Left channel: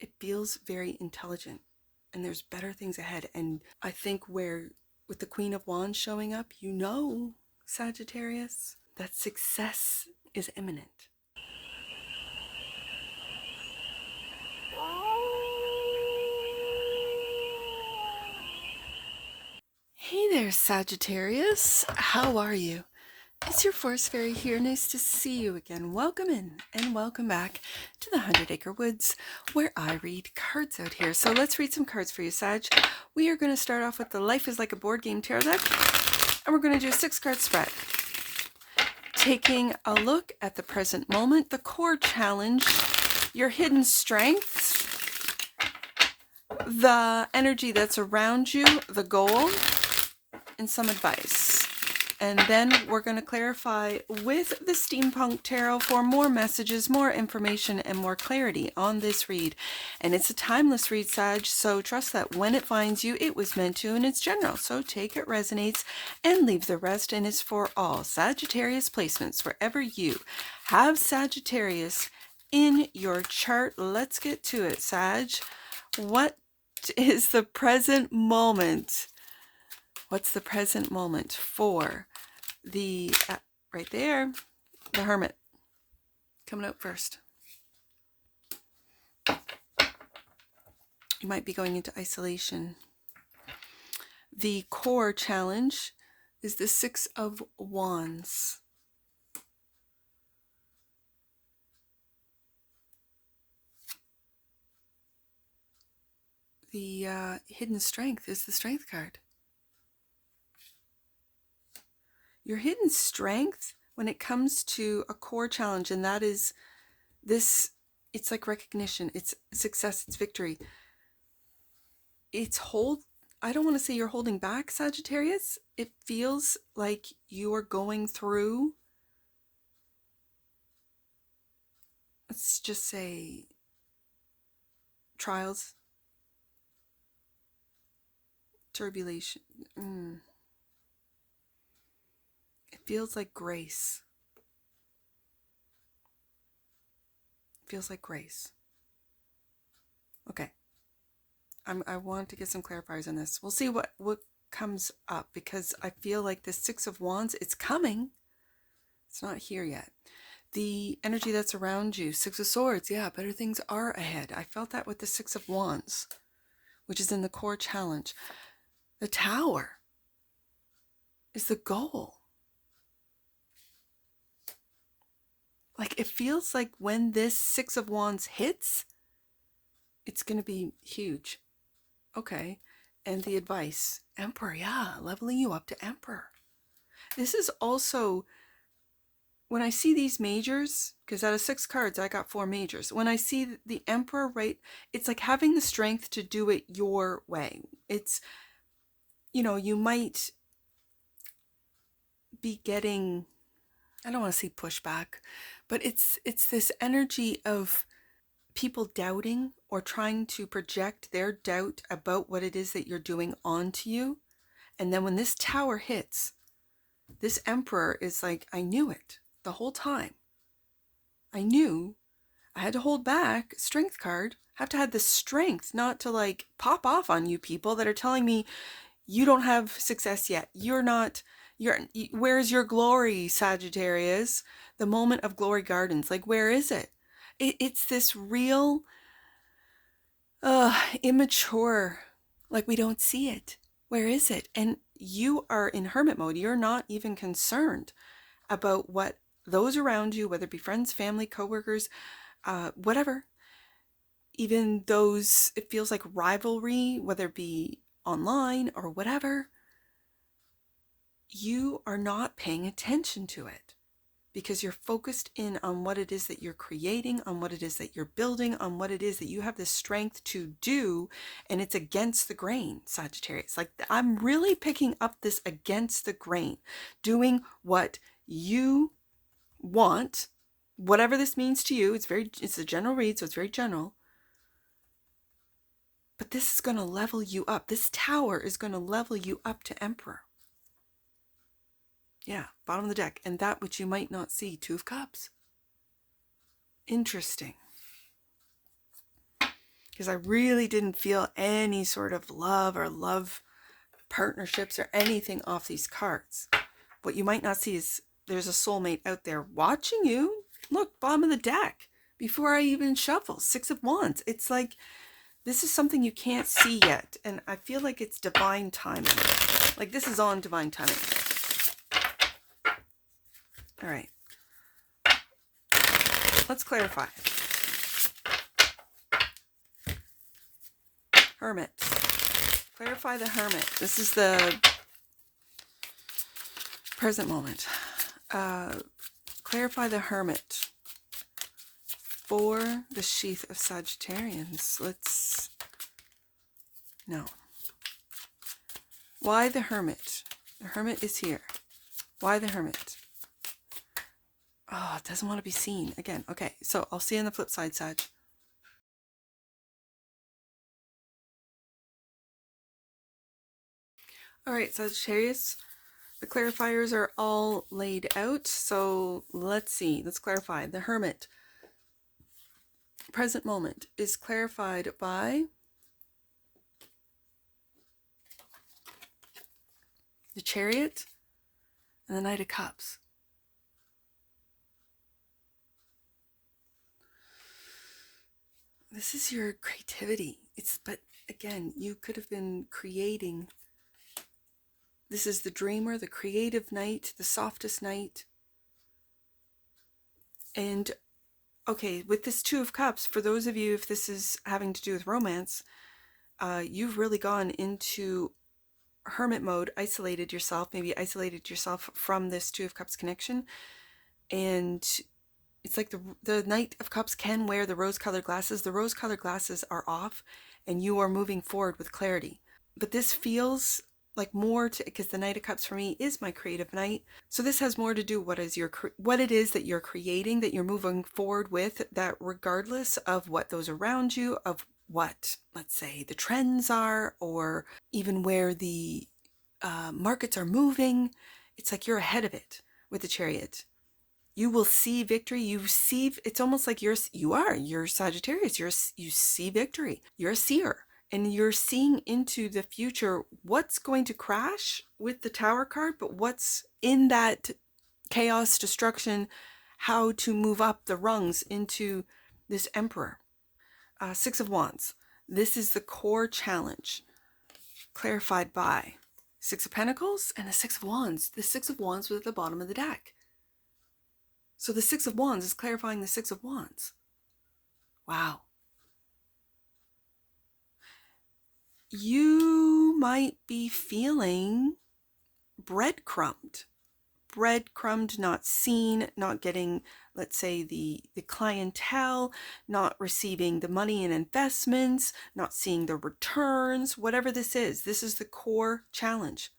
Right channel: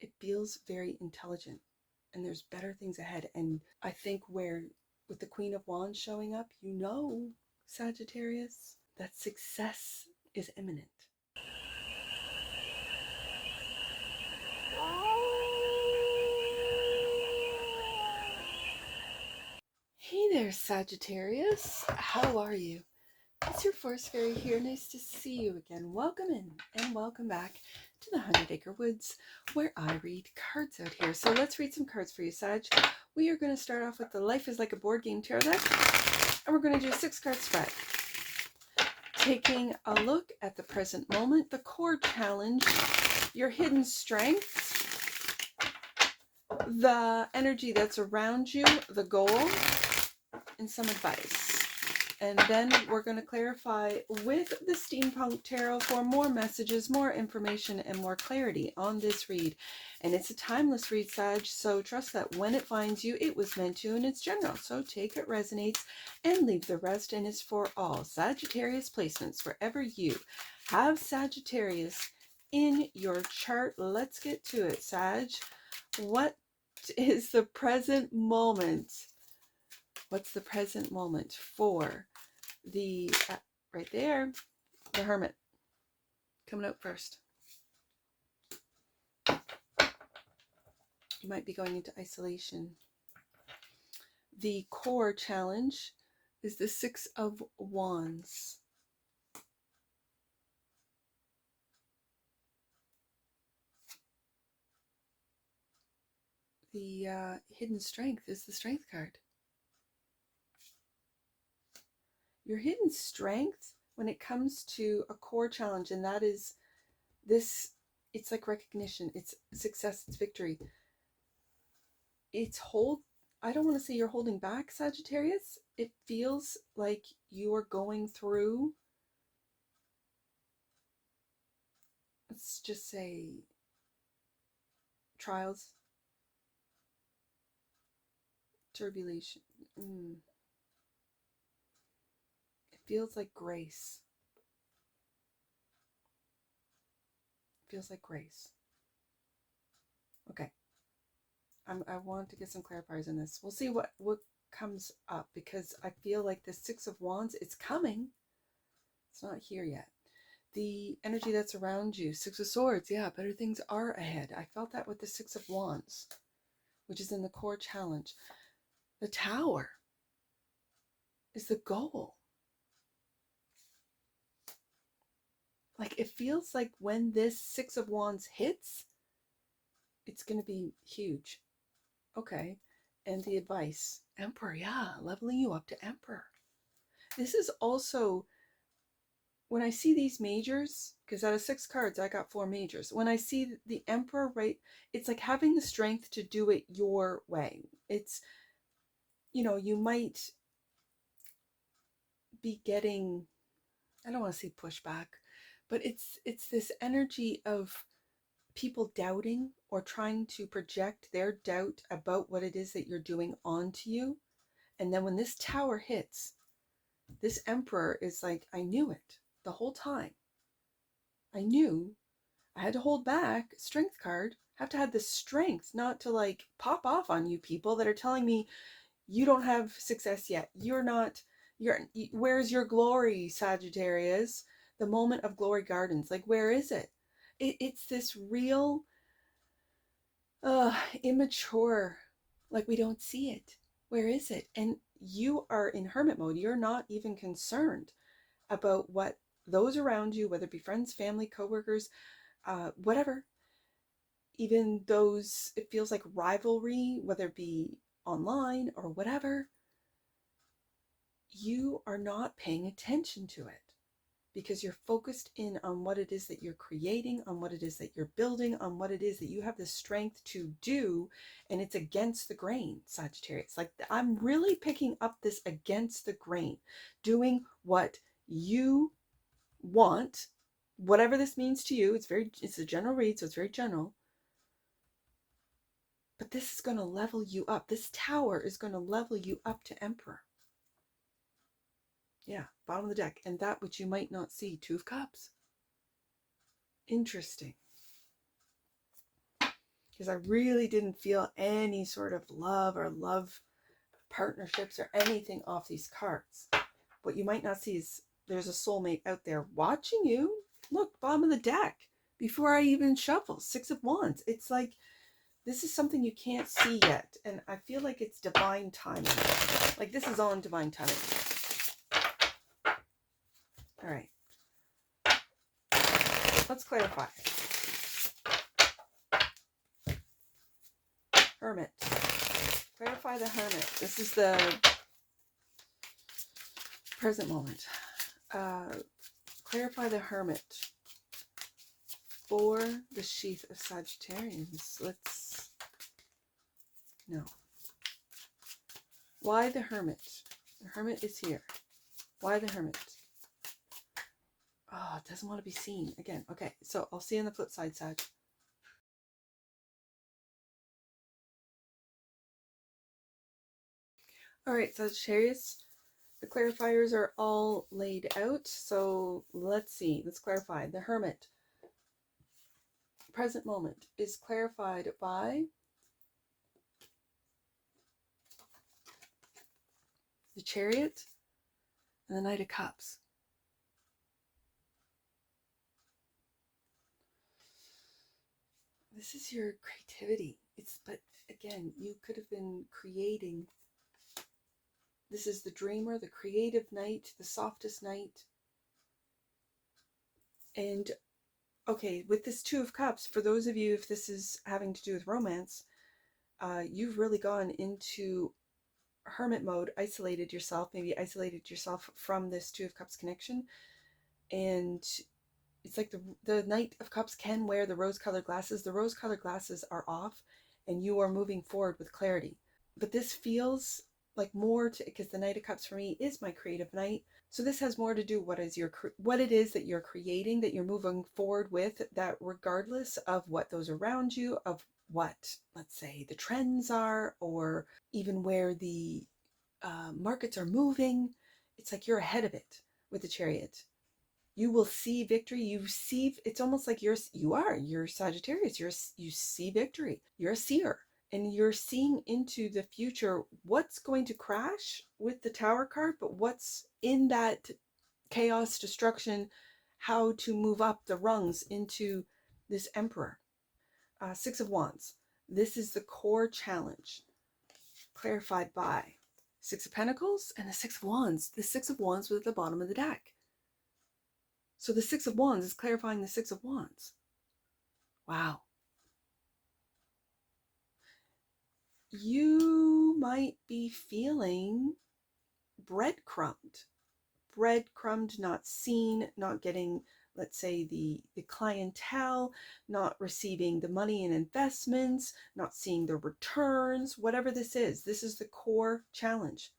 it feels very intelligent, and there's better things ahead. And I think with the Queen of Wands showing up, Sagittarius, that success is imminent. Hey there, Sagittarius. How are you? It's your Force Fairy here. Nice to see you again. Welcome in and welcome back to the 100 Acre Woods, where I read cards out here. So let's read some cards for you, Sag. We are going to start off with the Life is Like a Board Game tarot deck, and we're going to do a 6-card spread. Taking a look at the present moment, the core challenge, your hidden strengths, the energy that's around you, the goal, and some advice. And then we're going to clarify with the Steampunk Tarot for more messages, more information, and more clarity on this read. And it's a timeless read, Sag, so trust that when it finds you, it was meant to, and it's general. So take it resonates and leave the rest, and it's for all Sagittarius placements. Wherever you have Sagittarius in your chart, let's get to it, Sag. What is the present moment? What's the present moment for the, right there, the Hermit coming out first? You might be going into isolation. The core challenge is the 6 of Wands. The hidden strength is the Strength card. Your hidden strength when it comes to a core challenge, and that is this, it's like recognition, it's success, it's victory. I don't want to say you're holding back, Sagittarius. It feels like you are going through, let's just say, trials, tribulation. It feels like grace. It feels like grace. Okay. I want to get some clarifiers on this. We'll see what comes up, because I feel like the 6 of Wands, it's coming. It's not here yet. The energy that's around you, 6 of Swords, yeah, better things are ahead. I felt that with the 6 of Wands, which is in the core challenge. The Tower is the goal. Like, it feels like when this 6 of Wands hits, it's going to be huge. Okay. And the advice, Emperor, yeah, leveling you up to Emperor. This is also, when I see these majors, because out of 6 cards, I got 4 majors. When I see the Emperor, right, it's like having the strength to do it your way. It's, you might be getting, I don't want to say pushback, but it's this energy of people doubting or trying to project their doubt about what it is that you're doing onto you. And then when this Tower hits, this Emperor is like, I knew it the whole time. I knew I had to hold back. Strength card. Have to have the strength not to like pop off on you people that are telling me you don't have success yet. Where's your glory, Sagittarius? The moment of glory gardens. Like, where is it? It's this real immature, like we don't see it. Where is it? And you are in hermit mode. You're not even concerned about what those around you, whether it be friends, family, coworkers, whatever, even those, it feels like rivalry, whether it be online or whatever, you are not paying attention to it because you're focused in on what it is that you're creating, on what it is that you're building, on what it is that you have the strength to do, and it's against the grain, Sagittarius. Like, I'm really picking up this against the grain, doing what you want, whatever this means to you. It's a general read, so it's very general. But this is going to level you up. This Tower is going to level you up to Emperor. Yeah, bottom of the deck. And that which you might not see, 2 of Cups. Interesting. because I really didn't feel any sort of love partnerships or anything off these cards. What you might not see is there's a soulmate out there watching you. Look, bottom of the deck, before I even shuffle, 6 of Wands. It's like, this is something you can't see yet, and I feel like it's divine timing. Like, this is on divine timing. All right. Let's clarify. Hermit. Clarify the Hermit. This is the present moment. Clarify the Hermit for the sheath of Sagittarians. No. Why the Hermit? The Hermit is here. Why the Hermit? Oh, it doesn't want to be seen. Again, okay. So I'll see you on the flip side, Sag. All right, Sagittarius. The clarifiers are all laid out. So let's see. Let's clarify. The Hermit, present moment, is clarified by the Chariot and the Knight of Cups. This is your creativity. But again, you could have been creating. This is the dreamer, the creative knight, the softest knight. And okay, with this 2 of Cups, for those of you, if this is having to do with romance, you've really gone into hermit mode, isolated yourself, maybe isolated yourself from this 2 of Cups connection. And it's like the Knight of Cups can wear the rose-colored glasses. The rose-colored glasses are off, and you are moving forward with clarity. But this feels like more to, because the Knight of Cups for me is my creative knight. So this has more to do what it is that you're creating, that you're moving forward with, that regardless of what those around you, of what, let's say, the trends are, or even where the markets are moving, it's like you're ahead of it with the Chariot. You will see victory. It's almost like you're Sagittarius. You see victory. You're a seer, and you're seeing into the future what's going to crash with the Tower card, but what's in that chaos, destruction, how to move up the rungs into this Emperor. 6 of Wands. This is the core challenge, clarified by 6 of Pentacles and the 6 of Wands. The 6 of Wands was at the bottom of the deck. So the 6 of Wands is clarifying the 6 of Wands. Wow. You might be feeling breadcrumbed. Breadcrumbed, not seen, not getting, let's say, the clientele, not receiving the money and investments, not seeing the returns, whatever this is. This is the core challenge.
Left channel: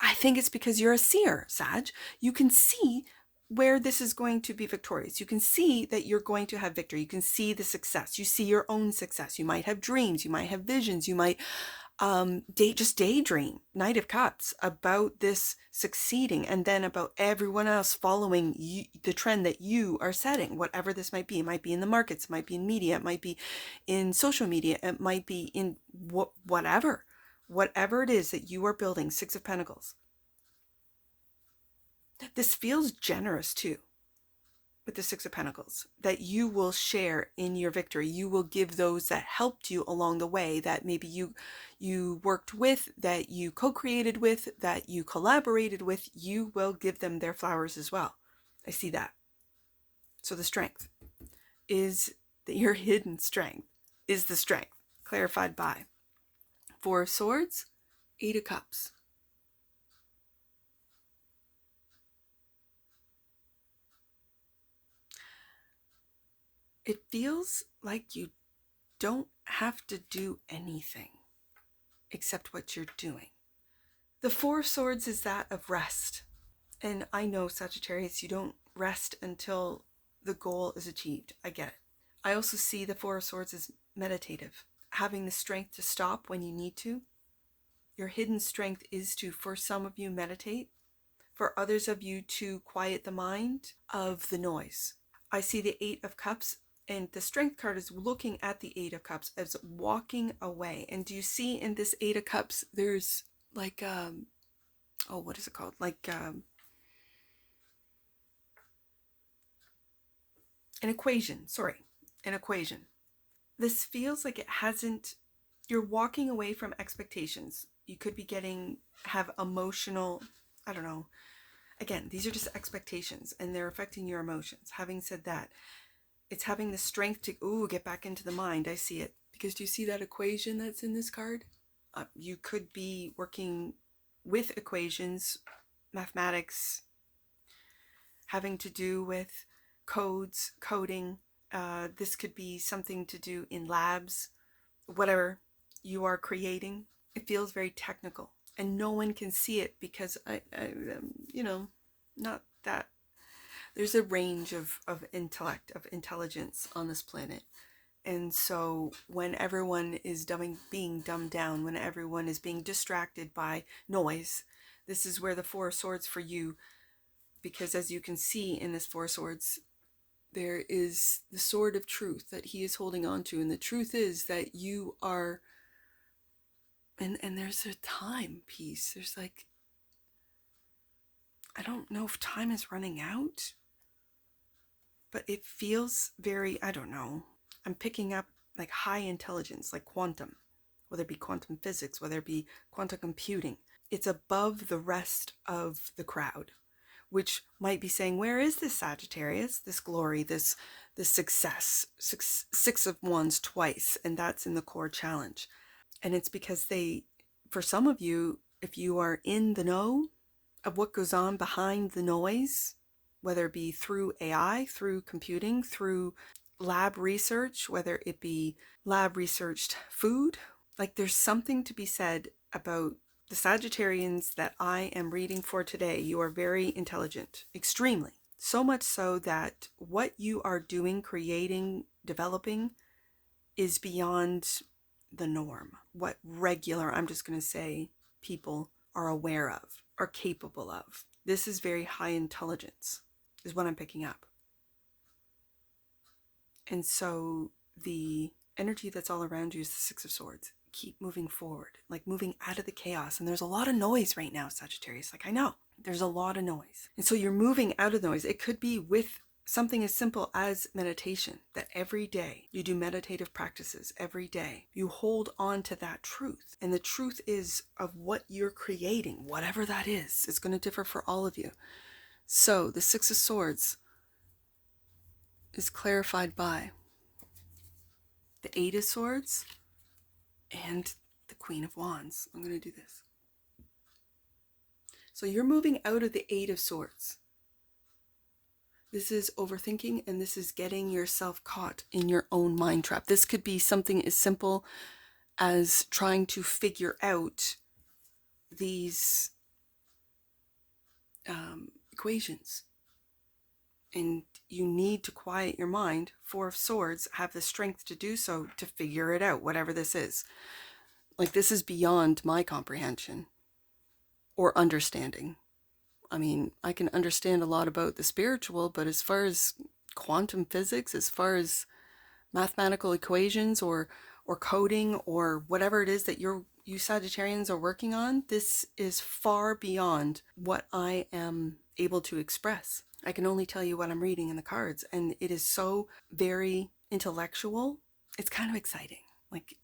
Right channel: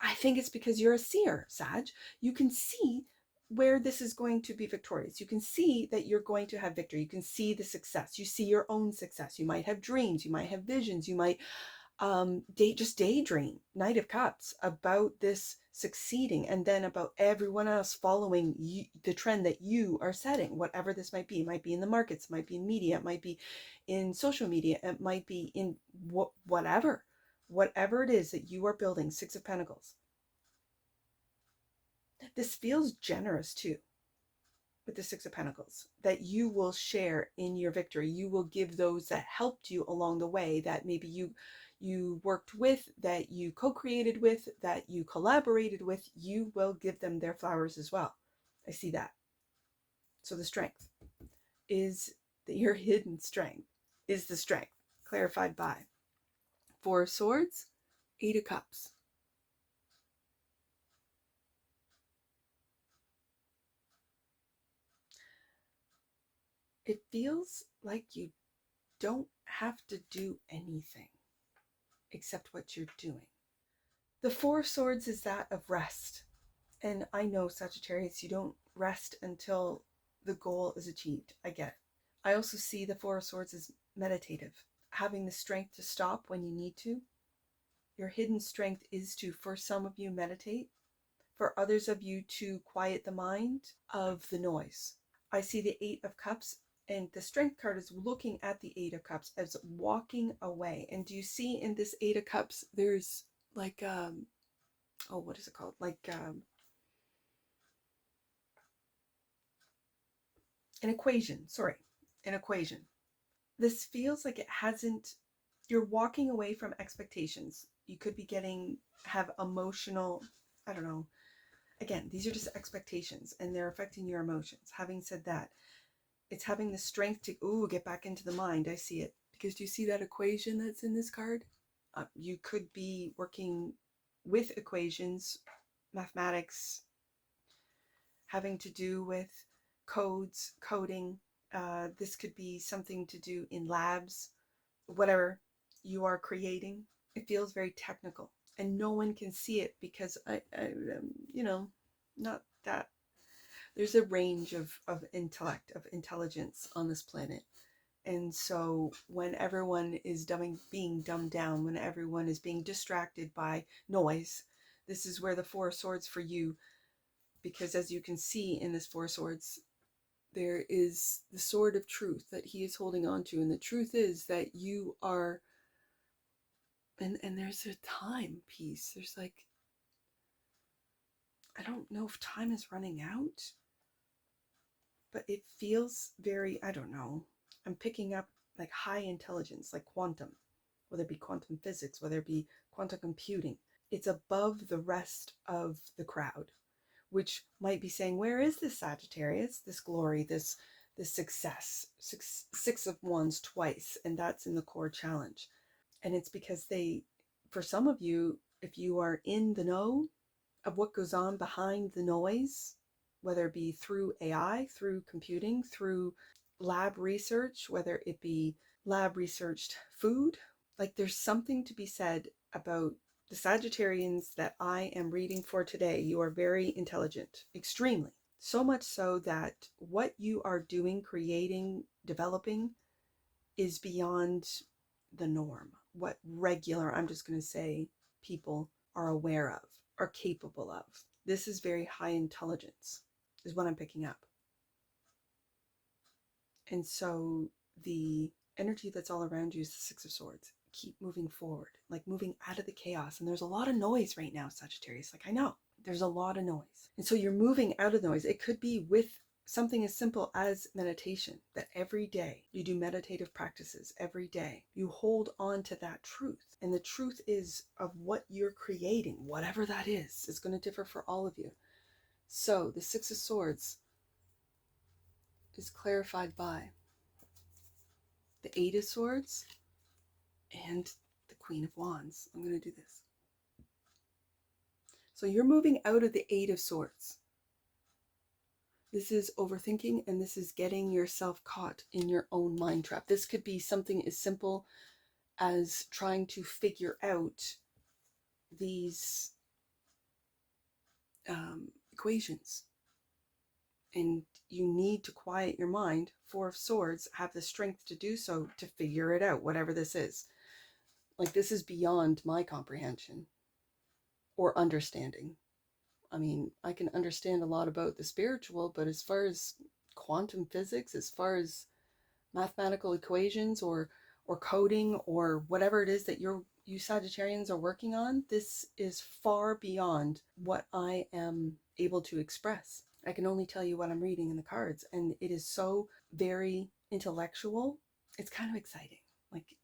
I think it's because you're a seer, Sag. You can see where this is going to be victorious. You can see that you're going to have victory. You can see the success. You see your own success. You might have dreams. You might have visions. You might just daydream, Knight of Cups, about this succeeding, and then about everyone else following the trend that you are setting, whatever this might be. It might be in the markets, it might be in media, it might be in social media, it might be in whatever it is that you are building. 6 of Pentacles. This feels generous too, with the 6 of Pentacles, that you will share in your victory. You will give those that helped you along the way, that maybe you worked with, that you co-created with, that you collaborated with. You will give them their flowers as well. I see that. So the strength is that your hidden strength is the strength, clarified by 4 of Swords, 8 of Cups. It feels like you don't have to do anything except what you're doing. The 4 of Swords is that of rest. And I know, Sagittarius, you don't rest until the goal is achieved. I get it. I also see the 4 of Swords as meditative, having the strength to stop when you need to. Your hidden strength is to, for some of you, meditate. For others of you, to quiet the mind of the noise. I see the 8 of Cups And the Strength card is looking at the Eight of Cups as walking away. And do you see in this Eight of Cups, there's like, oh, what is it called? Like an equation. Sorry, an equation. This feels like it hasn't, you're walking away from expectations. You could be have emotional, I don't know. Again, these are just expectations and they're affecting your emotions. Having said that, it's having the strength to, get back into the mind. I see it. Because do you see that equation that's in this card? You could be working with equations, mathematics, having to do with codes, coding. This could be something to do in labs, whatever you are creating. It feels very technical and no one can see it because not that there's a range of intellect, of intelligence on this planet. And so when everyone is being dumbed down, when everyone is being distracted by noise, this is where the Four of Swords for you, because as you can see in this Four of Swords, there is the sword of truth that he is holding on to. And the truth is that you are, and there's a time piece. There's like, I don't know if time is running out, but it feels very, I don't know. I'm picking up like high intelligence, like quantum, whether it be quantum physics, whether it be quantum computing. It's above the rest of the crowd, which might be saying, where is this Sagittarius, this glory, this success, six of wands twice, and that's in the core challenge. And it's because for some of you, if you are in the know of what goes on behind the noise, whether it be through AI, through computing, through lab research, whether it be lab researched food, like there's something to be said about the Sagittarians that I am reading for today. You are very intelligent, extremely. So much so that what you are doing, creating, developing is beyond the norm. What regular, I'm just going to say, people are aware of, are capable of. This is very high intelligence, is what I'm picking up. And so the energy that's all around you is the Six of Swords. Keep moving forward, like moving out of the chaos. And there's a lot of noise right now, Sagittarius. Like, I know there's a lot of noise. And so you're moving out of noise. It could be with something as simple as meditation, that every day you do meditative practices. Every day you hold on to that truth. And the truth is of what you're creating, whatever that is. It's going to differ for all of you. So the Six of Swords is clarified by the Eight of Swords and the Queen of Wands. I'm going to do this. So you're moving out of the Eight of Swords. This is overthinking, and this is getting yourself caught in your own mind trap. This could be something as simple as trying to figure out these equations. And you need to quiet your mind. Four of Swords have the strength to do so, to figure it out, whatever this is. Like, this is beyond my comprehension or understanding. I mean, I can understand a lot about the spiritual, but as far as quantum physics, as far as mathematical equations or coding or whatever it is that you Sagittarians are working on, this is far beyond what I am able to express. I can only tell you what I'm reading in the cards, and it is so very intellectual. It's kind of exciting. Like,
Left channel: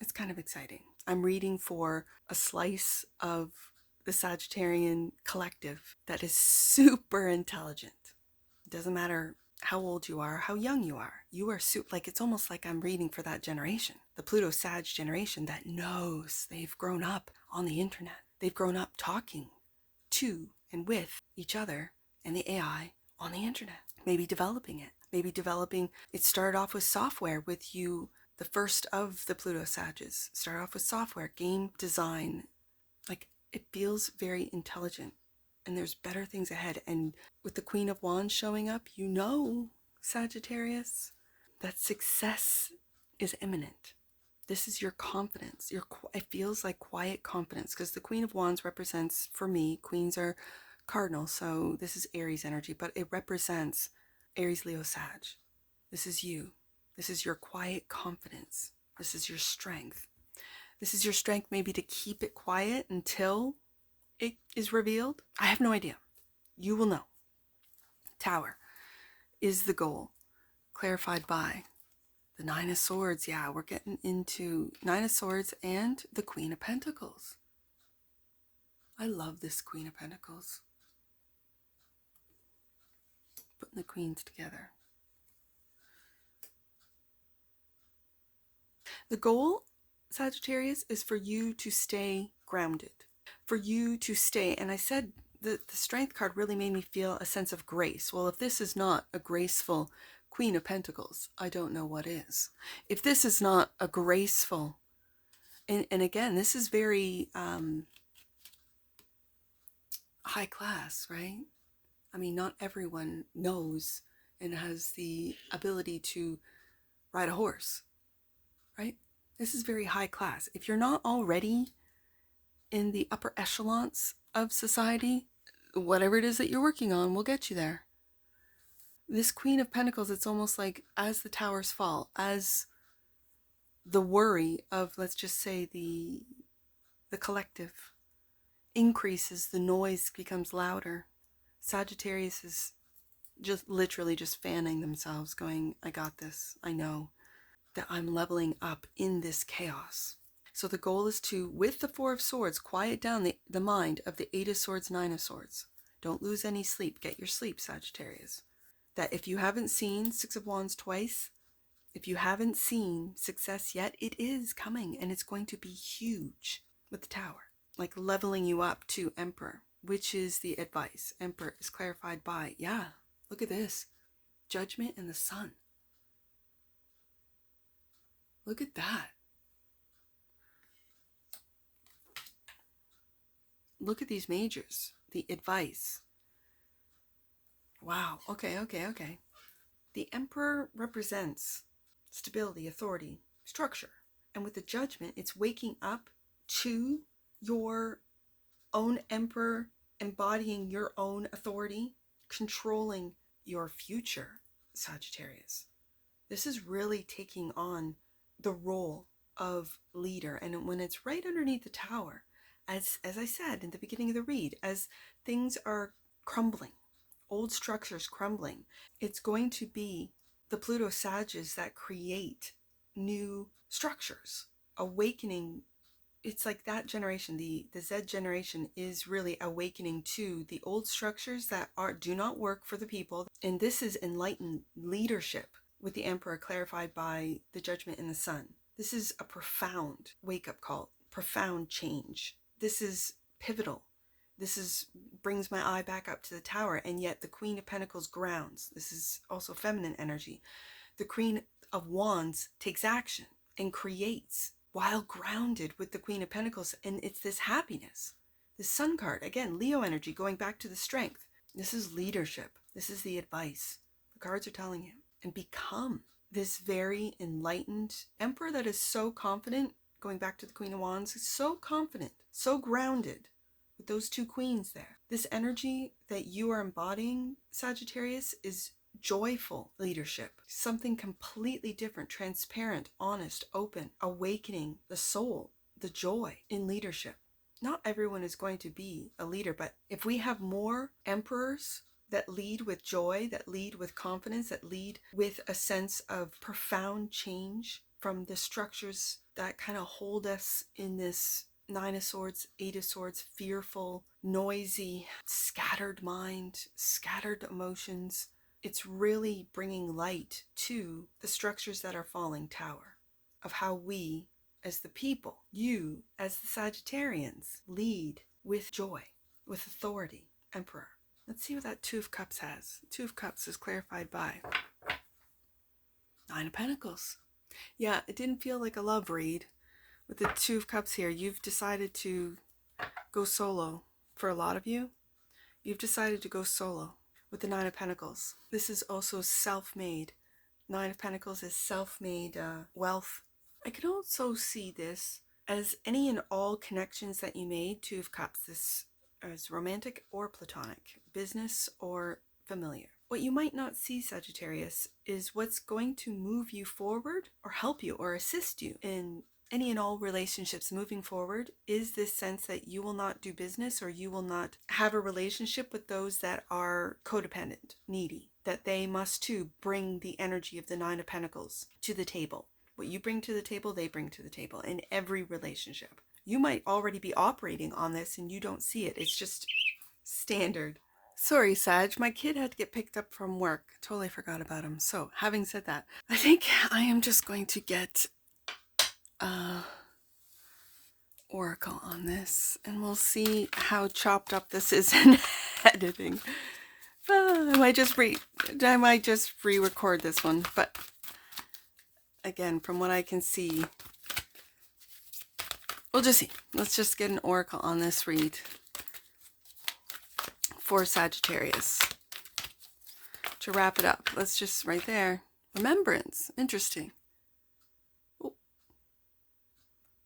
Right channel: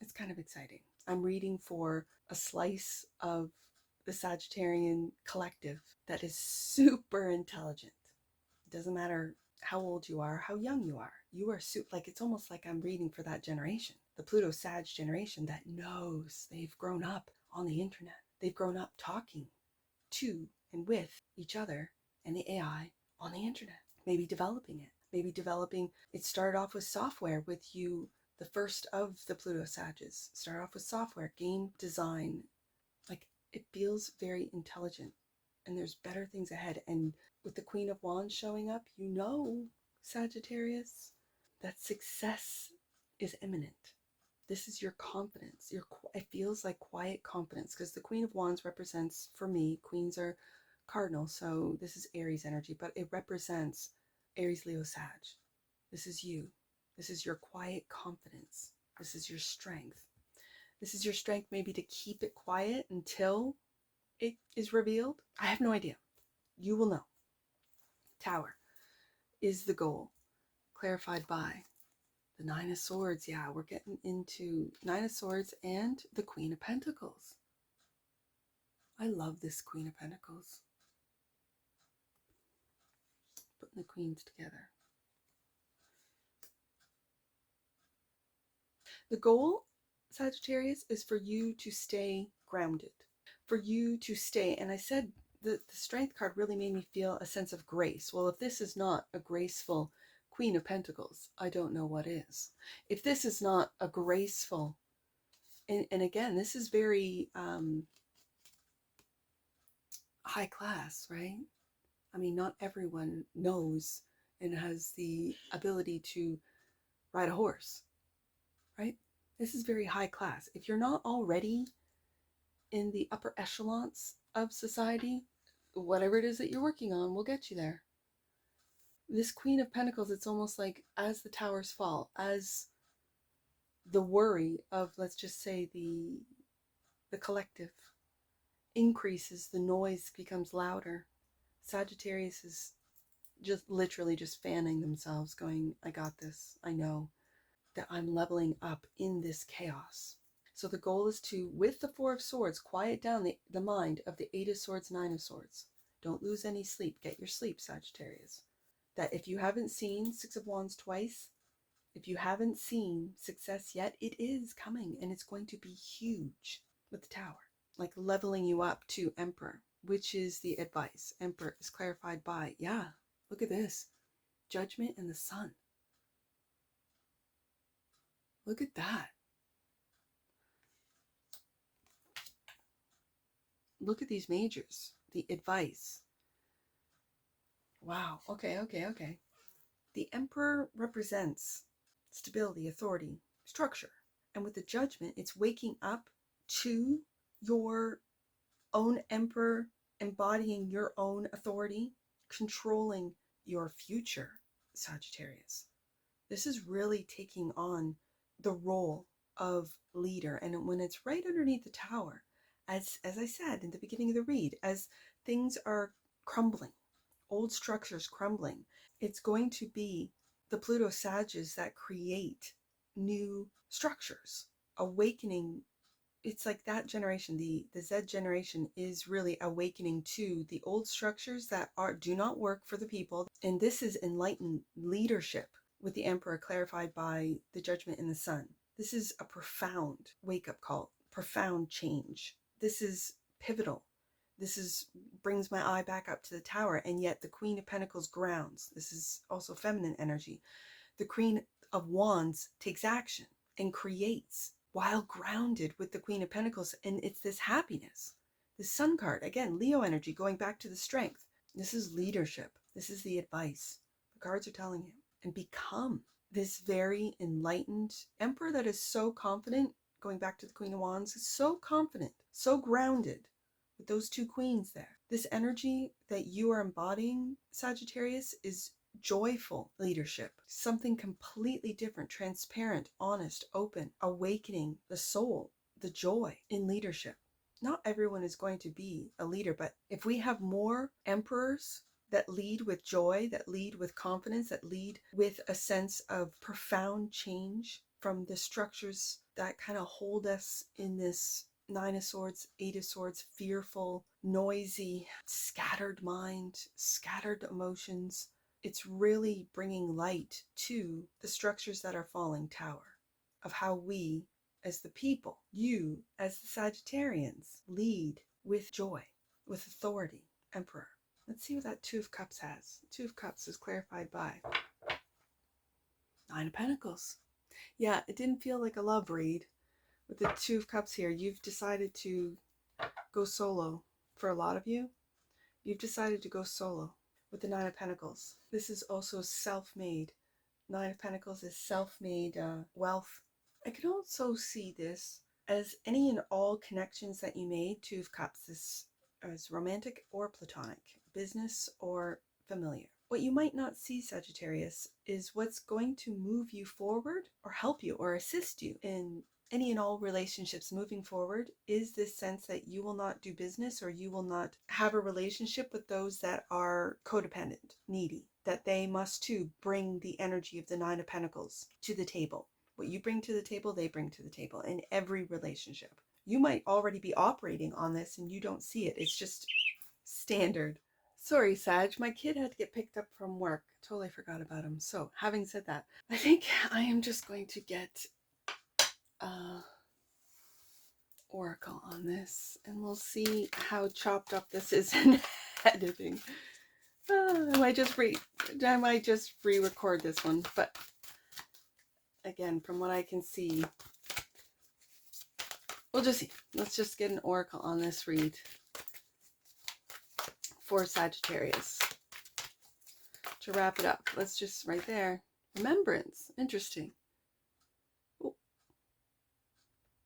it's kind of exciting. I'm reading for a slice of the Sagittarian collective that is super intelligent. It doesn't matter how old you are, how young you are. You are like, it's almost like I'm reading for that generation, the Pluto Sag generation that knows. They've grown up on the internet. They've grown up talking to and with each other and the AI on the internet. Maybe developing it. It started off with software with you. The first of the Pluto Sages started off with software, game design. Like, it feels very intelligent, and there's better things ahead. And with the Queen of Wands showing up, Sagittarius, that success is imminent. This is your confidence. It feels like quiet confidence, because the Queen of Wands represents, for me, queens are cardinal, so this is Aries energy, but it represents Aries, Leo, Sag. This is you. This is your quiet confidence. This is your strength. This is your strength maybe to keep it quiet until it is revealed. I have no idea. You will know. Tower is the goal, clarified by the Nine of Swords. Yeah, we're getting into Nine of Swords and the Queen of Pentacles. I love this Queen of Pentacles. Putting the queens together. The goal, Sagittarius, is for you to stay grounded. For you to stay, and I said the Strength card really made me feel a sense of grace. Well, if this is not a graceful Queen of Pentacles, I don't know what is. If this is not a graceful, and again, this is very high class, right? I mean, not everyone knows and has the ability to ride a horse, right? This is very high class. If you're not already in the upper echelons of society, whatever it is that you're working on will get you there. This Queen of Pentacles, it's almost like as the towers fall, as the worry of, let's just say, the collective increases, the noise becomes louder. Sagittarius is just literally just fanning themselves, going, I got this. I know that I'm leveling up in this chaos. So the goal is to, with the Four of Swords, quiet down the mind of the Eight of Swords, Nine of Swords. Don't lose any sleep. Get your sleep, Sagittarius. That if you haven't seen Six of Wands twice, if you haven't seen success yet, it is coming, and it's going to be huge with the Tower. Like leveling you up to Emperor, which is the advice. Emperor is clarified by, yeah, look at this. Judgment and the Sun. Look at that. Look at these majors. The advice. Wow. Okay. The Emperor represents stability, authority, structure. And with the Judgment, it's waking up to your own Emperor, embodying your own authority, controlling your future, Sagittarius. This is really taking on the role of leader. And when it's right underneath the Tower, as I said in the beginning of the read, as things are crumbling, old structures crumbling, it's going to be the Pluto Sages that create new structures, awakening. It's like that generation, the Z generation, is really awakening to the old structures that do not work for the people. And this is enlightened leadership with the Emperor clarified by the Judgment in the Sun. This is a profound wake-up call, profound change. This is pivotal. This brings my eye back up to the Tower, and yet the Queen of Pentacles grounds. This is also feminine energy. The Queen of Wands takes action and creates while grounded with the Queen of Pentacles, and it's this happiness. The Sun card, again, Leo energy, going back to the strength. This is leadership. This is the advice. The cards are telling you. And become this very enlightened Emperor that is so confident, going back to the Queen of Wands, so confident, so grounded with those two queens there. This energy that you are embodying, Sagittarius, is joyful leadership, something completely different, transparent, honest, open, awakening the soul, the joy in leadership. Not everyone is going to be a leader, but if we have more emperors that lead with joy, that lead with confidence, that lead with a sense of profound change from the structures that kind of hold us in this Nine of Swords, Eight of Swords, fearful, noisy, scattered mind, scattered emotions. It's really bringing light to the structures that are falling, Tower, of how we, as the people, you, as the Sagittarians, lead with joy, with authority, Emperor. Let's see what that Two of Cups has. Two of Cups is clarified by Nine of Pentacles. Yeah, it didn't feel like a love read. With the Two of Cups here, you've decided to go solo. For a lot of you, you've decided to go solo with the Nine of Pentacles. This is also self-made. Nine of Pentacles is self-made wealth. I can also see this as any and all connections that you made. Two of Cups, this is romantic or platonic, business or familiar, What you might not see, Sagittarius, is what's going to move you forward or help you or assist you in any and all relationships moving forward is this sense that you will not do business or you will not have a relationship with those that are codependent, needy, that they must too bring the energy of the Nine of Pentacles to the table. What you bring to the table, they bring to the table in every relationship. You might already be operating on this and you don't see it. It's just standard. Sorry, Sag, my kid had to get picked up from work. Totally forgot about him. So, having said that, I think I am just going to get oracle on this, and we'll see how chopped up this is in editing. I might just re-record this one, but again, from what I can see, we'll just see. Let's just get an oracle on this read for Sagittarius. To wrap it up, let's just right there. Remembrance. Interesting. Oh.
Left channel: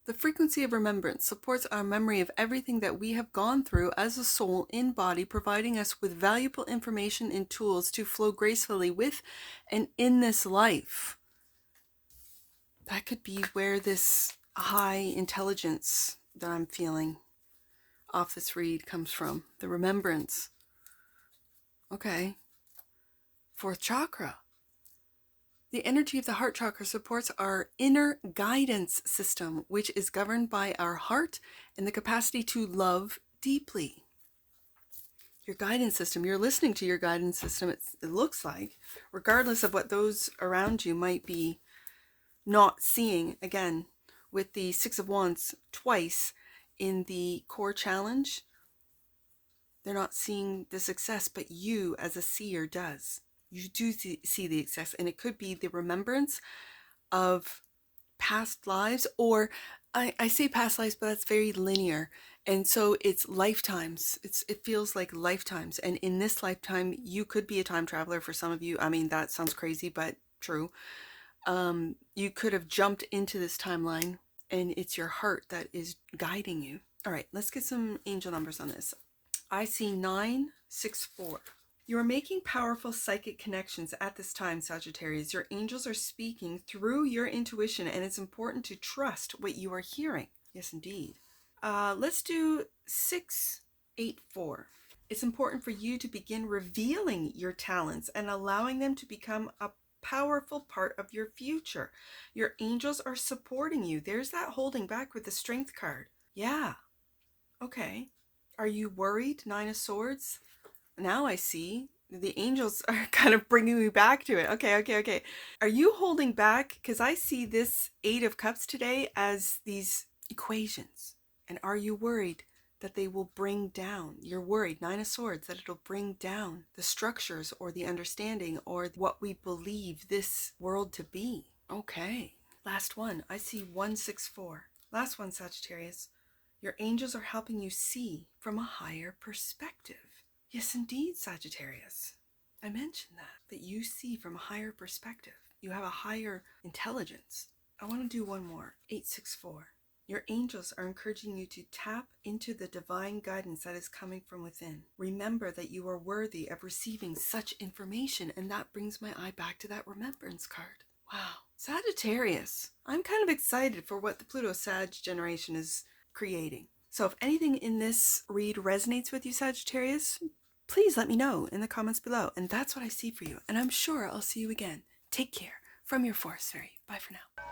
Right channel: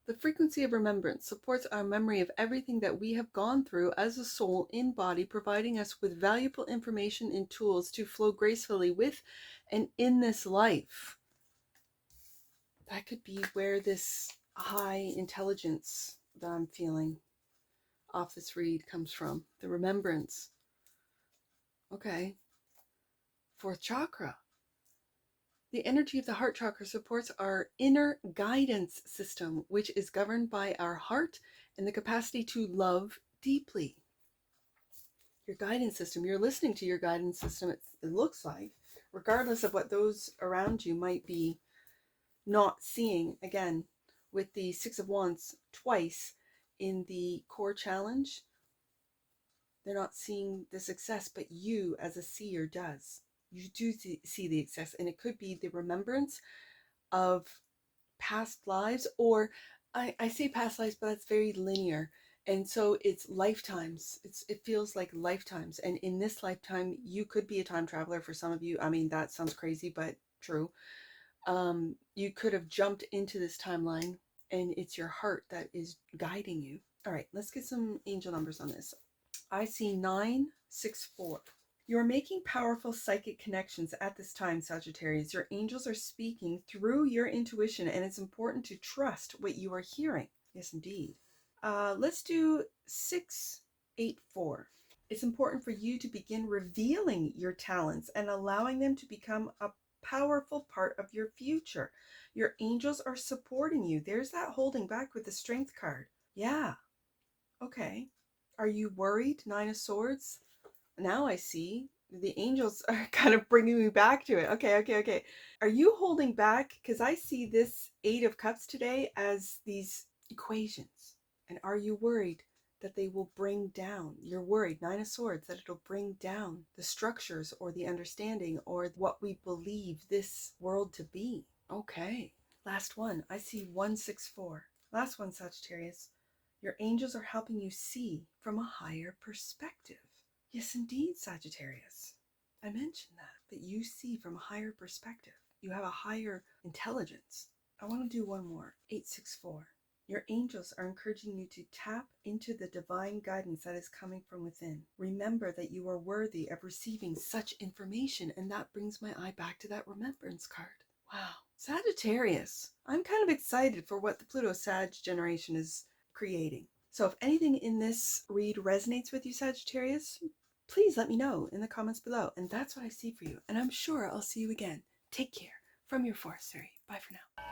The frequency of remembrance supports our memory of everything that we have gone through as a soul in body, providing us with valuable information and tools to flow gracefully with and in this life. That could be where this high intelligence that I'm feeling off this read comes from. The remembrance. Okay. Fourth chakra. The energy of the heart chakra supports our inner guidance system, which is governed by our heart and the capacity to love deeply. Your guidance system, you're listening to your guidance system, it looks like, regardless of what those around you might be not seeing. Again, with the Six of Wands twice in the core challenge, they're not seeing the success, but you as a seer does. You do see the success, and it could be the remembrance of past lives, or I say past lives, but that's very linear, and so it's lifetimes. It feels like lifetimes, and in this lifetime, you could be a time traveler. For some of you, I mean, that sounds crazy, but true. You could have jumped into this timeline, and it's your heart that is guiding you. All right, let's get some angel numbers on this. I see 964. You are making powerful psychic connections at this time, Sagittarius. Your angels are speaking through your intuition, and it's important to trust what you are hearing. Yes, indeed. Let's do 684. It's important for you to begin revealing your talents and allowing them to become a powerful part of your future. Your angels are supporting you. There's that holding back with the Strength card. Yeah. Okay. Are you worried? Nine of Swords. Now I see the angels are kind of bringing me back to it. Okay. Are you holding back? Because I see this Eight of Cups today as these equations. And are you worried that they will bring down? You're worried, Nine of Swords, that it'll bring down the structures or the understanding or what we believe this world to be. Okay. Last one. I see 164. Last one, Sagittarius. Your angels are helping you see from a higher perspective. Yes, indeed, Sagittarius. I mentioned that you see from a higher perspective. You have a higher intelligence. I want to do one more. 864. Your angels are encouraging you to tap into the divine guidance that is coming from within. Remember that you are worthy of receiving such information, and that brings my eye back to that remembrance card. Wow. Sagittarius. I'm kind of excited for what the Pluto-Sag generation is creating. So if anything in this read resonates with you, Sagittarius, please let me know in the comments below. And that's what I see for you. And I'm sure I'll see you again. Take care. From your Forest Fairy. Bye for now.